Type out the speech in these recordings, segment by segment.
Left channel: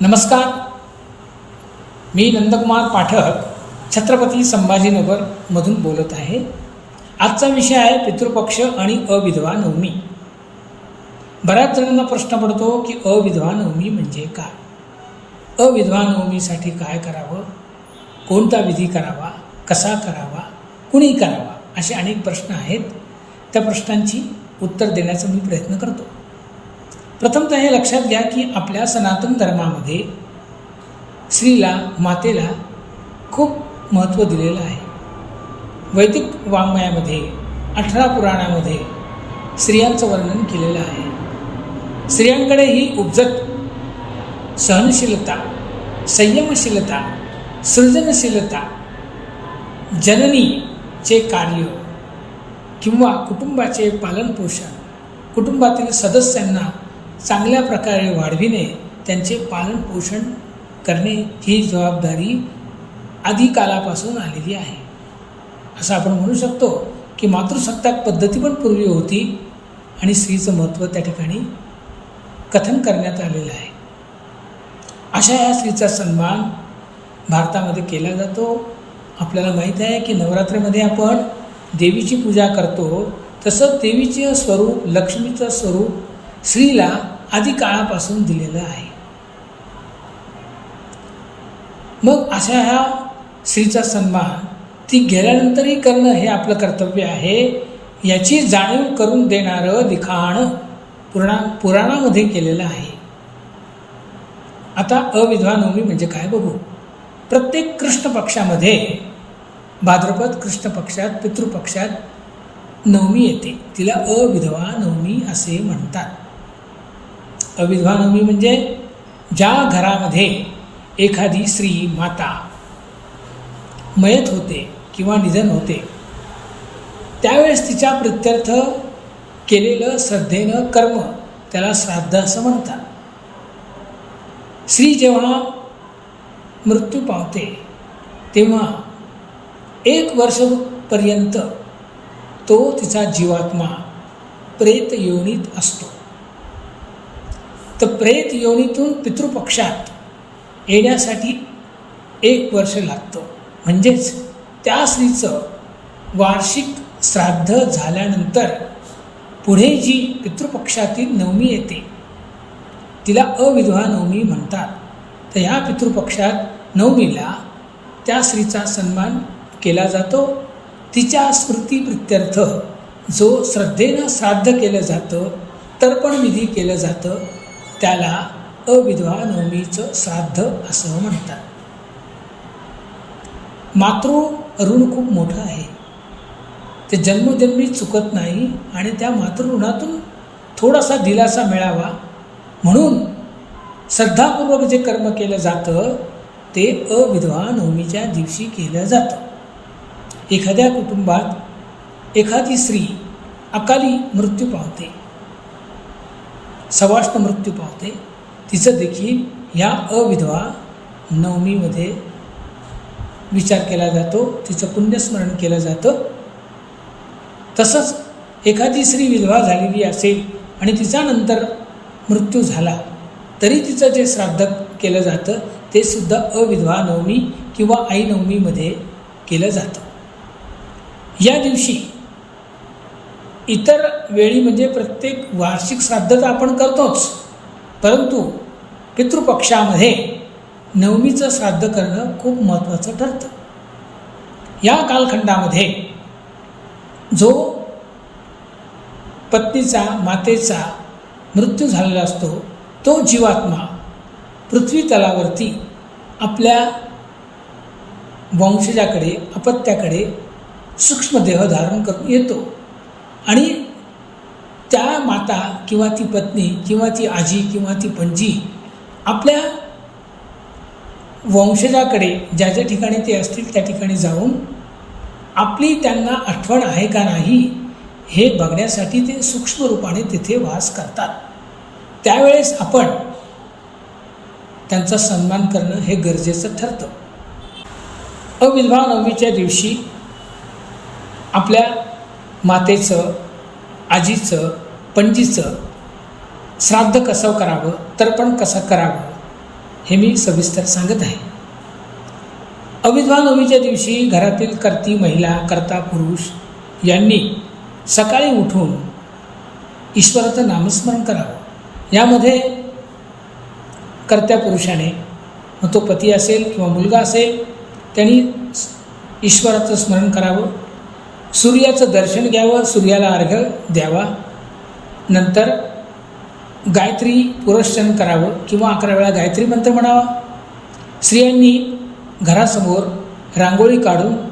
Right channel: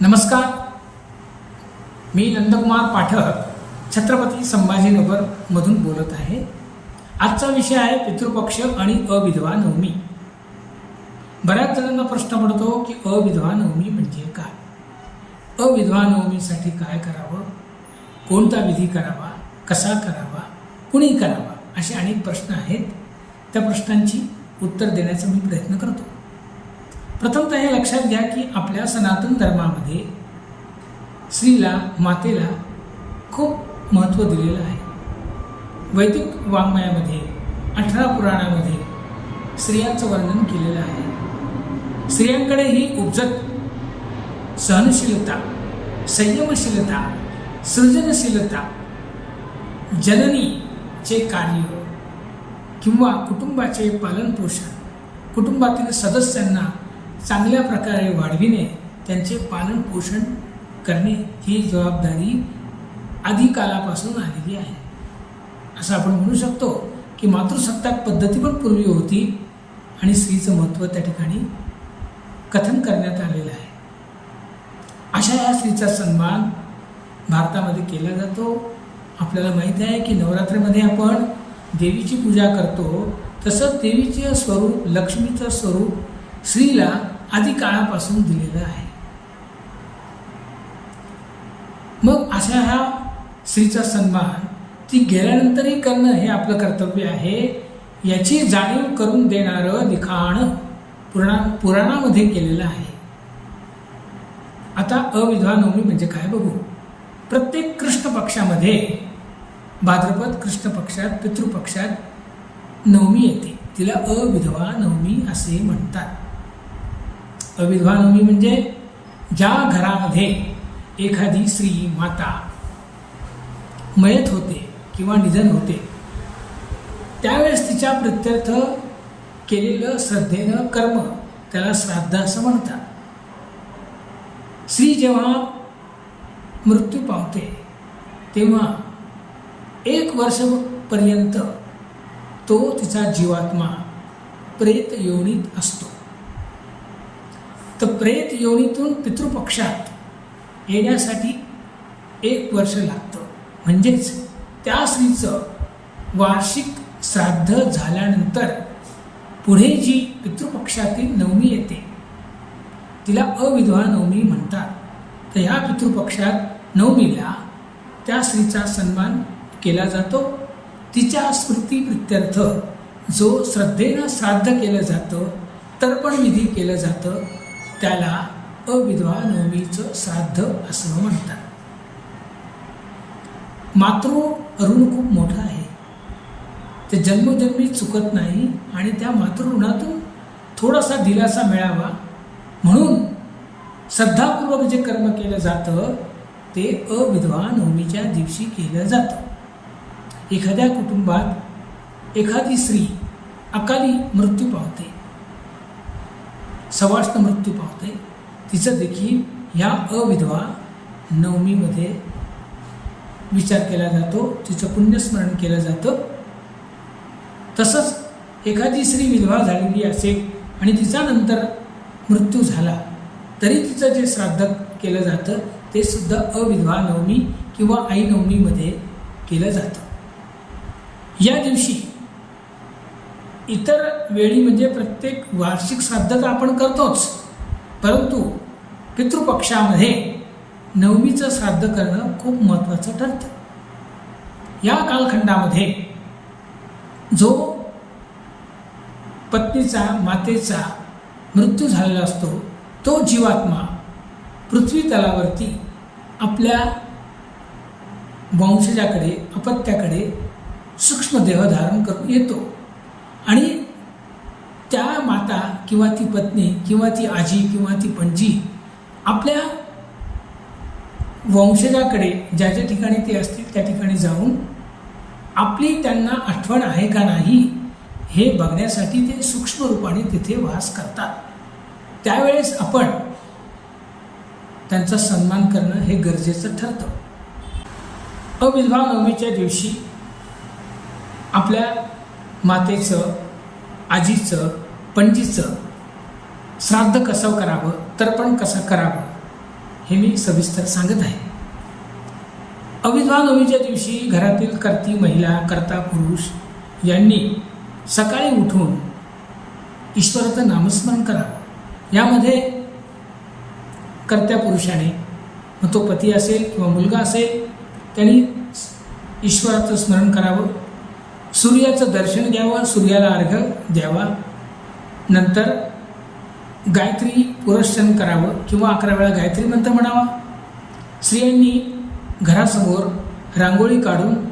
नमस्कार. मी नंदकुमार पाठक छत्रपती संभाजीनगरमधून बोलत आहे. आजचा विषय आहे पितृपक्ष आणि अविधवा नवमी. बऱ्याच जणांना प्रश्न पडतो की अविधवा नवमी म्हणजे काय? अविधवा नवमीसाठी काय करावं? कोणता विधी करावा? कसा करावा? कुणी करावा? असे अनेक प्रश्न आहेत. त्या प्रश्नांची उत्तर देण्याचा मी प्रयत्न करतो. प्रथमतः हे लक्षात घ्या की आपल्या सनातन धर्मामध्ये स्त्रीला मातेला खूप महत्त्व दिलेलं आहे. वैदिक वाङ्मयामध्ये अठरा पुराणामध्ये स्त्रियांचं वर्णन केलेलं आहे. स्त्रियांकडे ही उपजत सहनशीलता संयमशीलता सृजनशीलता जननीचे कार्य किंवा कुटुंबाचे पालनपोषण कुटुंबातील सदस्यांना चांगल्या प्रकारे वाढविणे त्यांचे पालनपोषण करणे ही जबाबदारी आदिकालापासून आलेली आहे. असं आपण म्हणू शकतो की मातृसत्ताक पद्धती पण पूर्वी होती आणि स्त्रीचं महत्त्व त्या ठिकाणी कथन करण्यात आलेलं आहे. अशा या स्त्रीचा सन्मान भारतामध्ये केला जातो. आपल्याला माहीत आहे की नवरात्रीमध्ये आपण देवीची पूजा करतो. तसं देवीचे स्वरूप लक्ष्मीचं स्वरूप स्त्रीला आधी काळापासून दिलेलं आहे. मग अशा ह्या स्त्रीचा सन्मान ती गेल्यानंतरही करणं हे आपलं कर्तव्य आहे याची जाणीव करून देणारं लिखाण पुराणा पुराणामध्ये केलेलं आहे. आता अविधवा नवमी म्हणजे काय बघू? प्रत्येक कृष्ण पक्षामध्ये भाद्रपद कृष्ण पक्षात पितृपक्षात नवमी येते. तिला अविधवा नवमी असे म्हणतात. अविधवानवमी म्हणजे ज्या घरामध्ये एखादी स्त्री माता मयत होते किंवा निधन होते त्यावेळेस तिच्या प्रत्यर्थ केलेलं श्रद्धेनं कर्म त्याला श्राद्ध असं म्हणतात. स्त्री जेव्हा मृत्यू पावते तेव्हा एक वर्षपर्यंत तो तिचा जीवात्मा प्रेत योनीत असतो. तर प्रेत योनीतून पितृपक्षात येण्यासाठी एक वर्ष लागतं. म्हणजेच त्या स्त्रीचं वार्षिक श्राद्ध झाल्यानंतर पुढे जी पितृपक्षातील नवमी येते तिला अविधवा नवमी म्हणतात. तर ह्या पितृपक्षात नवमीला त्या स्त्रीचा सन्मान केला जातो. तिच्या स्मृतीप्रित्यर्थ जो श्रद्धेनं श्राद्ध केलं जातं तर्पण विधी केलं जातं त्याला अविधवा नवमीचं श्राद्ध असं म्हणतात. मातृ ऋण खूप मोठं आहे. ते जन्मजन्मी चुकत नाही आणि त्या मातृऋणातून थोडासा दिलासा मिळावा. म्हणून श्रद्धापूर्वक जे कर्म केलं जातं ते अविधवा नवमीच्या दिवशी केलं जातं. एखाद्या कुटुंबात एखादी स्त्री अकाली मृत्यू पावते. सवाष्ण मृत्यू पावते. तिचं देखील या अविधवा नवमीमध्ये विचार केला जातो. तिचं पुण्यस्मरण केलं जातं. तसंच एखादी स्त्री विधवा झालेली असेल आणि तिचा नंतर मृत्यू झाला तरी तिचं जे श्राद्ध केलं जातं ते सुद्धा अविधवा नवमी किंवा आई नवमीमध्ये केलं जातं. या दिवशी इतर वेळी म्हणजे प्रत्येक वार्षिक श्राद्ध तर आपण करतोच. परंतु पितृपक्षामध्ये नवमीचं श्राद्ध करणं खूप महत्त्वाचं ठरतं. या कालखंडामध्ये जो पत्नीचा मातेचा मृत्यू झालेला असतो तो जीवात्मा पृथ्वी तलावरती आपल्या वंशजाकडे अपत्याकडे सूक्ष्मदेह धारण करून येतो. आणि त्या माता किंवा ती पत्नी किंवा ती आजी किंवा ती पणजी आपल्या वंशजाकडे ज्या ज्या ठिकाणी ते असतील त्या ठिकाणी जाऊन आपली त्यांना आठवण आहे का नाही हे बघण्यासाठी ते सूक्ष्म रूपाने तिथे वास करतात. त्यावेळेस आपण त्यांचा सन्मान करणं हे गरजेचं ठरतं. अविधवा नवमीच्या दिवशी आपल्या मातेचं आजीचं पणजीचं. श्राद्ध कसं करावं तर्पण कसं करावं हे मी सविस्तर सांगत आहे. अविद्वा नवमीच्या दिवशी घरातील कर्ती महिला कर्ता पुरुष यांनी सकाळी उठून ईश्वराचं नामस्मरण करावं. यामध्ये कर्त्या पुरुषाने मग तो पती असेल किंवा मुलगा असेल त्यांनी ईश्वराचं स्मरण करावं. सूर्याचं दर्शन घ्यावं सूर्याला अर्घ्य द्यावा. नंतर गायत्री पुरस्चन करावं किंवा अकरा वेळा गायत्री मंत्र म्हणावा. स्त्रियांनी घरासमोर रांगोळी काढून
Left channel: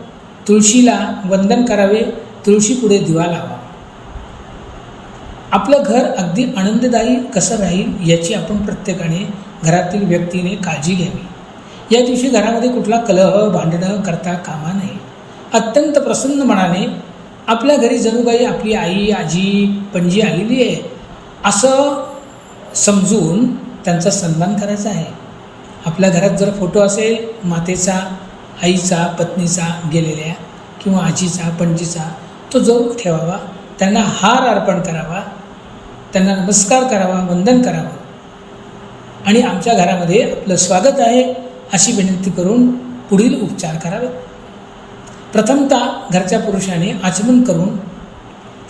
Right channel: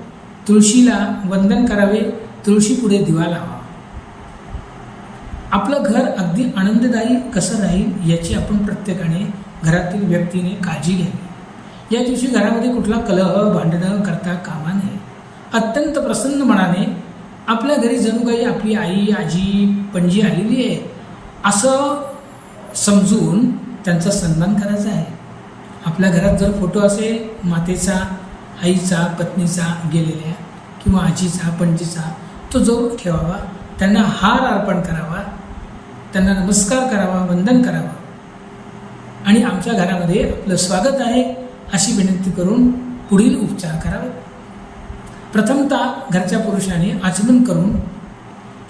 तुळशीला वंदन करावे तुळशीपुढे दिवा लावा. आपलं घर अगदी आनंददायी कसं राहील याची आपण प्रत्येकाने घरातील व्यक्तीने काळजी घ्यावी. या दिवशी घरामध्ये कुठला कलह भांडणं करता कामा नये. अत्यंत प्रसन्न मनाने आपल्या घरी जणू काही आपली आई आजी पणजी आलेली आहे असं समजून त्यांचा सन्मान करायचा आहे. आपल्या घरात जर फोटो असेल मातेचा आईचा पत्नीचा गेलेल्या किंवा आजीचा पणजीचा तो जरूर ठेवावा. त्यांना हार अर्पण करावा. त्यांना नमस्कार करावा वंदन करावं. आणि आमच्या घरामध्ये आपलं स्वागत आहे अशी विनंती करून पुढील उपचार करावेत. प्रथमतः घरच्या पुरुषाने आचमन करून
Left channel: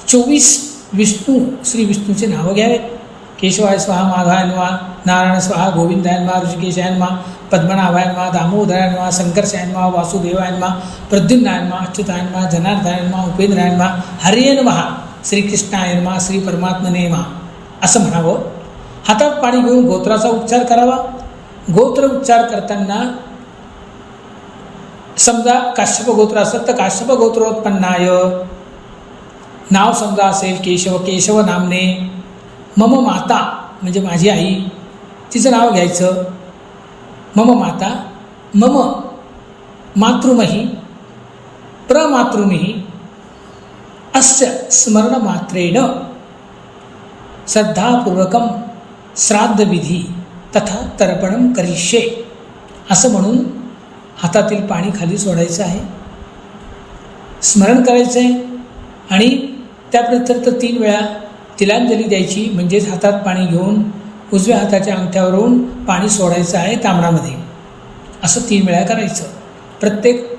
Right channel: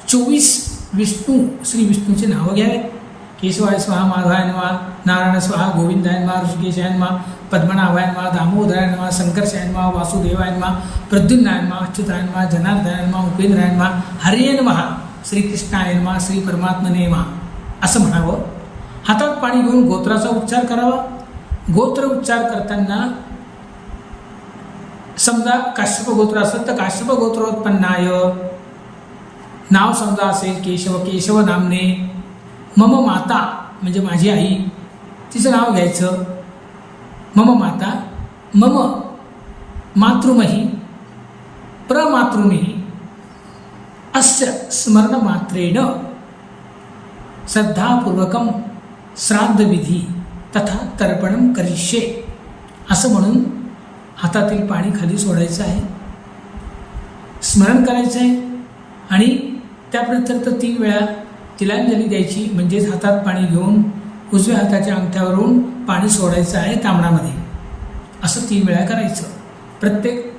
चोवीस विष्णू श्री विष्णूचे नावं घ्यावे. केशवाय स्वाहा माधवायन वा नारायण स्वाहा गोविंदाय वा ऋषिकेशाय वा पद्मनाभाय वा दामोदराय वा संकर्षाय वा वासुदेवाय वा प्रद्युम्नाय वा अच्युताय वा वा वा हरियन वा श्री परमात्मने वा असं म्हणावं. हातात पाणी घेऊन गोत्राचा उच्चार करावा. गोत्र उच्चार करताना समजा काश्यप गोत्र असेल तर काश्यप गोत्रोत्पन्नाय. नाव समजा असेल केशव केशव नामने. मम माता म्हणजे माझी आई. तिचं नाव घ्यायचं. मम माता मम मातृमही प्रमातृमही. अस्य स्मरणमात्रेण श्रद्धापूर्वकं श्राद्धविधी तथा तर्पण करिष्ये. असं म्हणून हातातील पाणी खाली सोडायचं आहे. स्मरण करायचं आहे. आणि त्याप्रत्यंत तीन वेळा तिलांजली द्यायची म्हणजेच हातात पाणी घेऊन उजव्या हाताच्या अंगठ्यावरून पाणी सोडायचं आहे तांबडामध्ये. असं तीन वेळा करायचं. प्रत्येक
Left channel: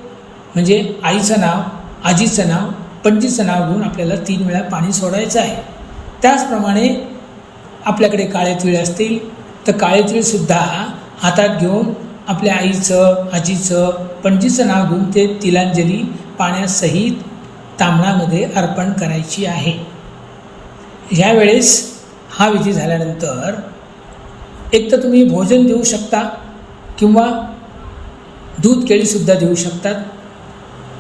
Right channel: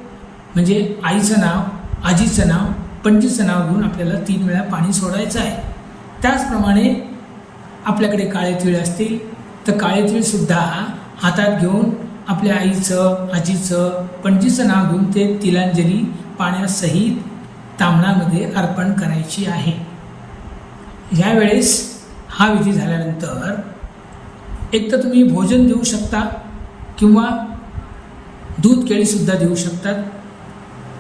म्हणजे आईचं नाव आजीचं नाव पणजीचं नाव घेऊन आपल्याला तीन वेळा पाणी सोडायचं आहे. त्याचप्रमाणे आपल्याकडे काळे तिळ असतील तर काळे तिळसुद्धा हातात घेऊन आपल्या आईचं आजीचं पणजीचं नाव घेऊन ते तिलांजली पाण्यासहित तांबणामध्ये अर्पण करायची आहे. ह्यावेळेस हा विधी झाल्यानंतर एक तर तुम्ही भोजन देऊ शकता किंवा दूध केळीसुद्धा देऊ शकतात.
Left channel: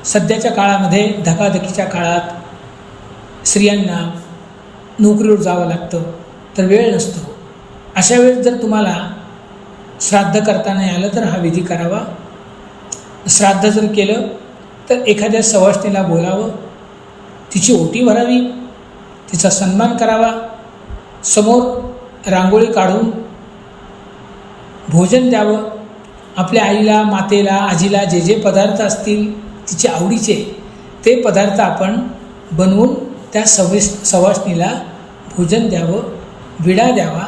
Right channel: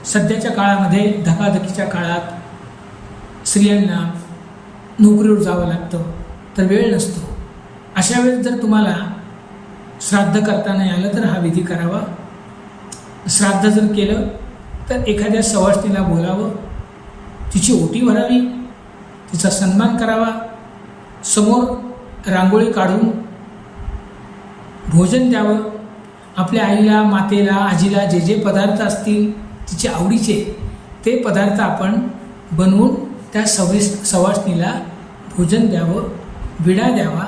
सध्याच्या काळामध्ये धकाधकीच्या काळात स्त्रियांना नोकरीवर जावं लागतं तर वेळ नसतो. अशा वेळेस जर तुम्हाला श्राद्ध करता नाही आलं तर हा विधी करावा. श्राद्ध जर केलं तर एखाद्या सवासणीला बोलावं. तिची ओटी भरावी. तिचा सन्मान करावा. समोर रांगोळी काढून भोजन द्यावं. आपल्या आईला मातेला आजीला जे जे पदार्थ असतील तिचे आवडीचे ते पदार्थ आपण बनवून त्या सविस सवासणीला भोजन द्यावं विडा द्यावा.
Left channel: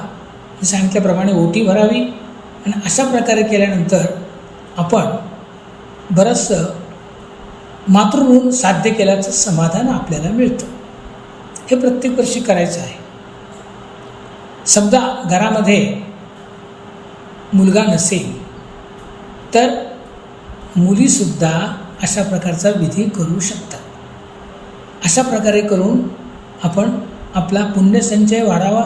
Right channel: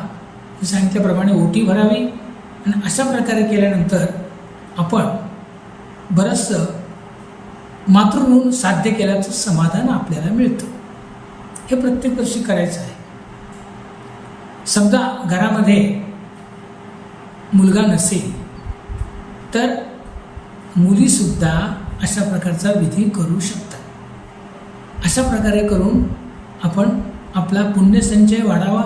सांगितल्याप्रमाणे ओटी भरावी. आणि अशा प्रकारे केल्यानंतर आपण बरंचसं मातृऋण साध्य केल्याचं समाधान आपल्याला मिळतं. हे प्रत्येक वर्षी करायचं आहे. समजा घरामध्ये मुलगा नसेल तर मुलीसुद्धा अशा प्रकारचा विधी करू शकतात. अशा प्रकारे करून आपण आपला पुण्यसंचय वाढावा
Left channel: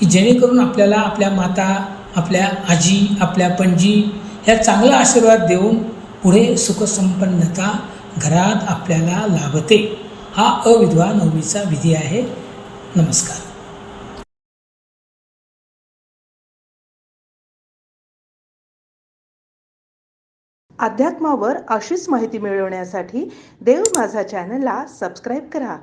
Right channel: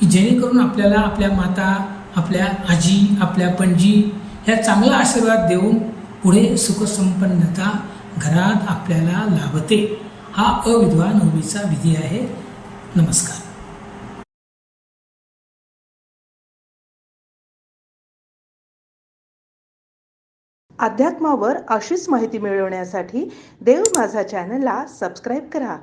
की जेणेकरून आपल्याला आपल्या माता आपल्या आजी आपल्या पणजी या चांगला आशीर्वाद देऊन पुढे सुखसंपन्नता घरात आपल्याला लाभते. हा अविधवा नवमीचा विधी आहे. नमस्कार. अध्यात्मावर अशीच माहिती मिळवण्यासाठी देव माझा चॅनलला सबस्क्राईब करा.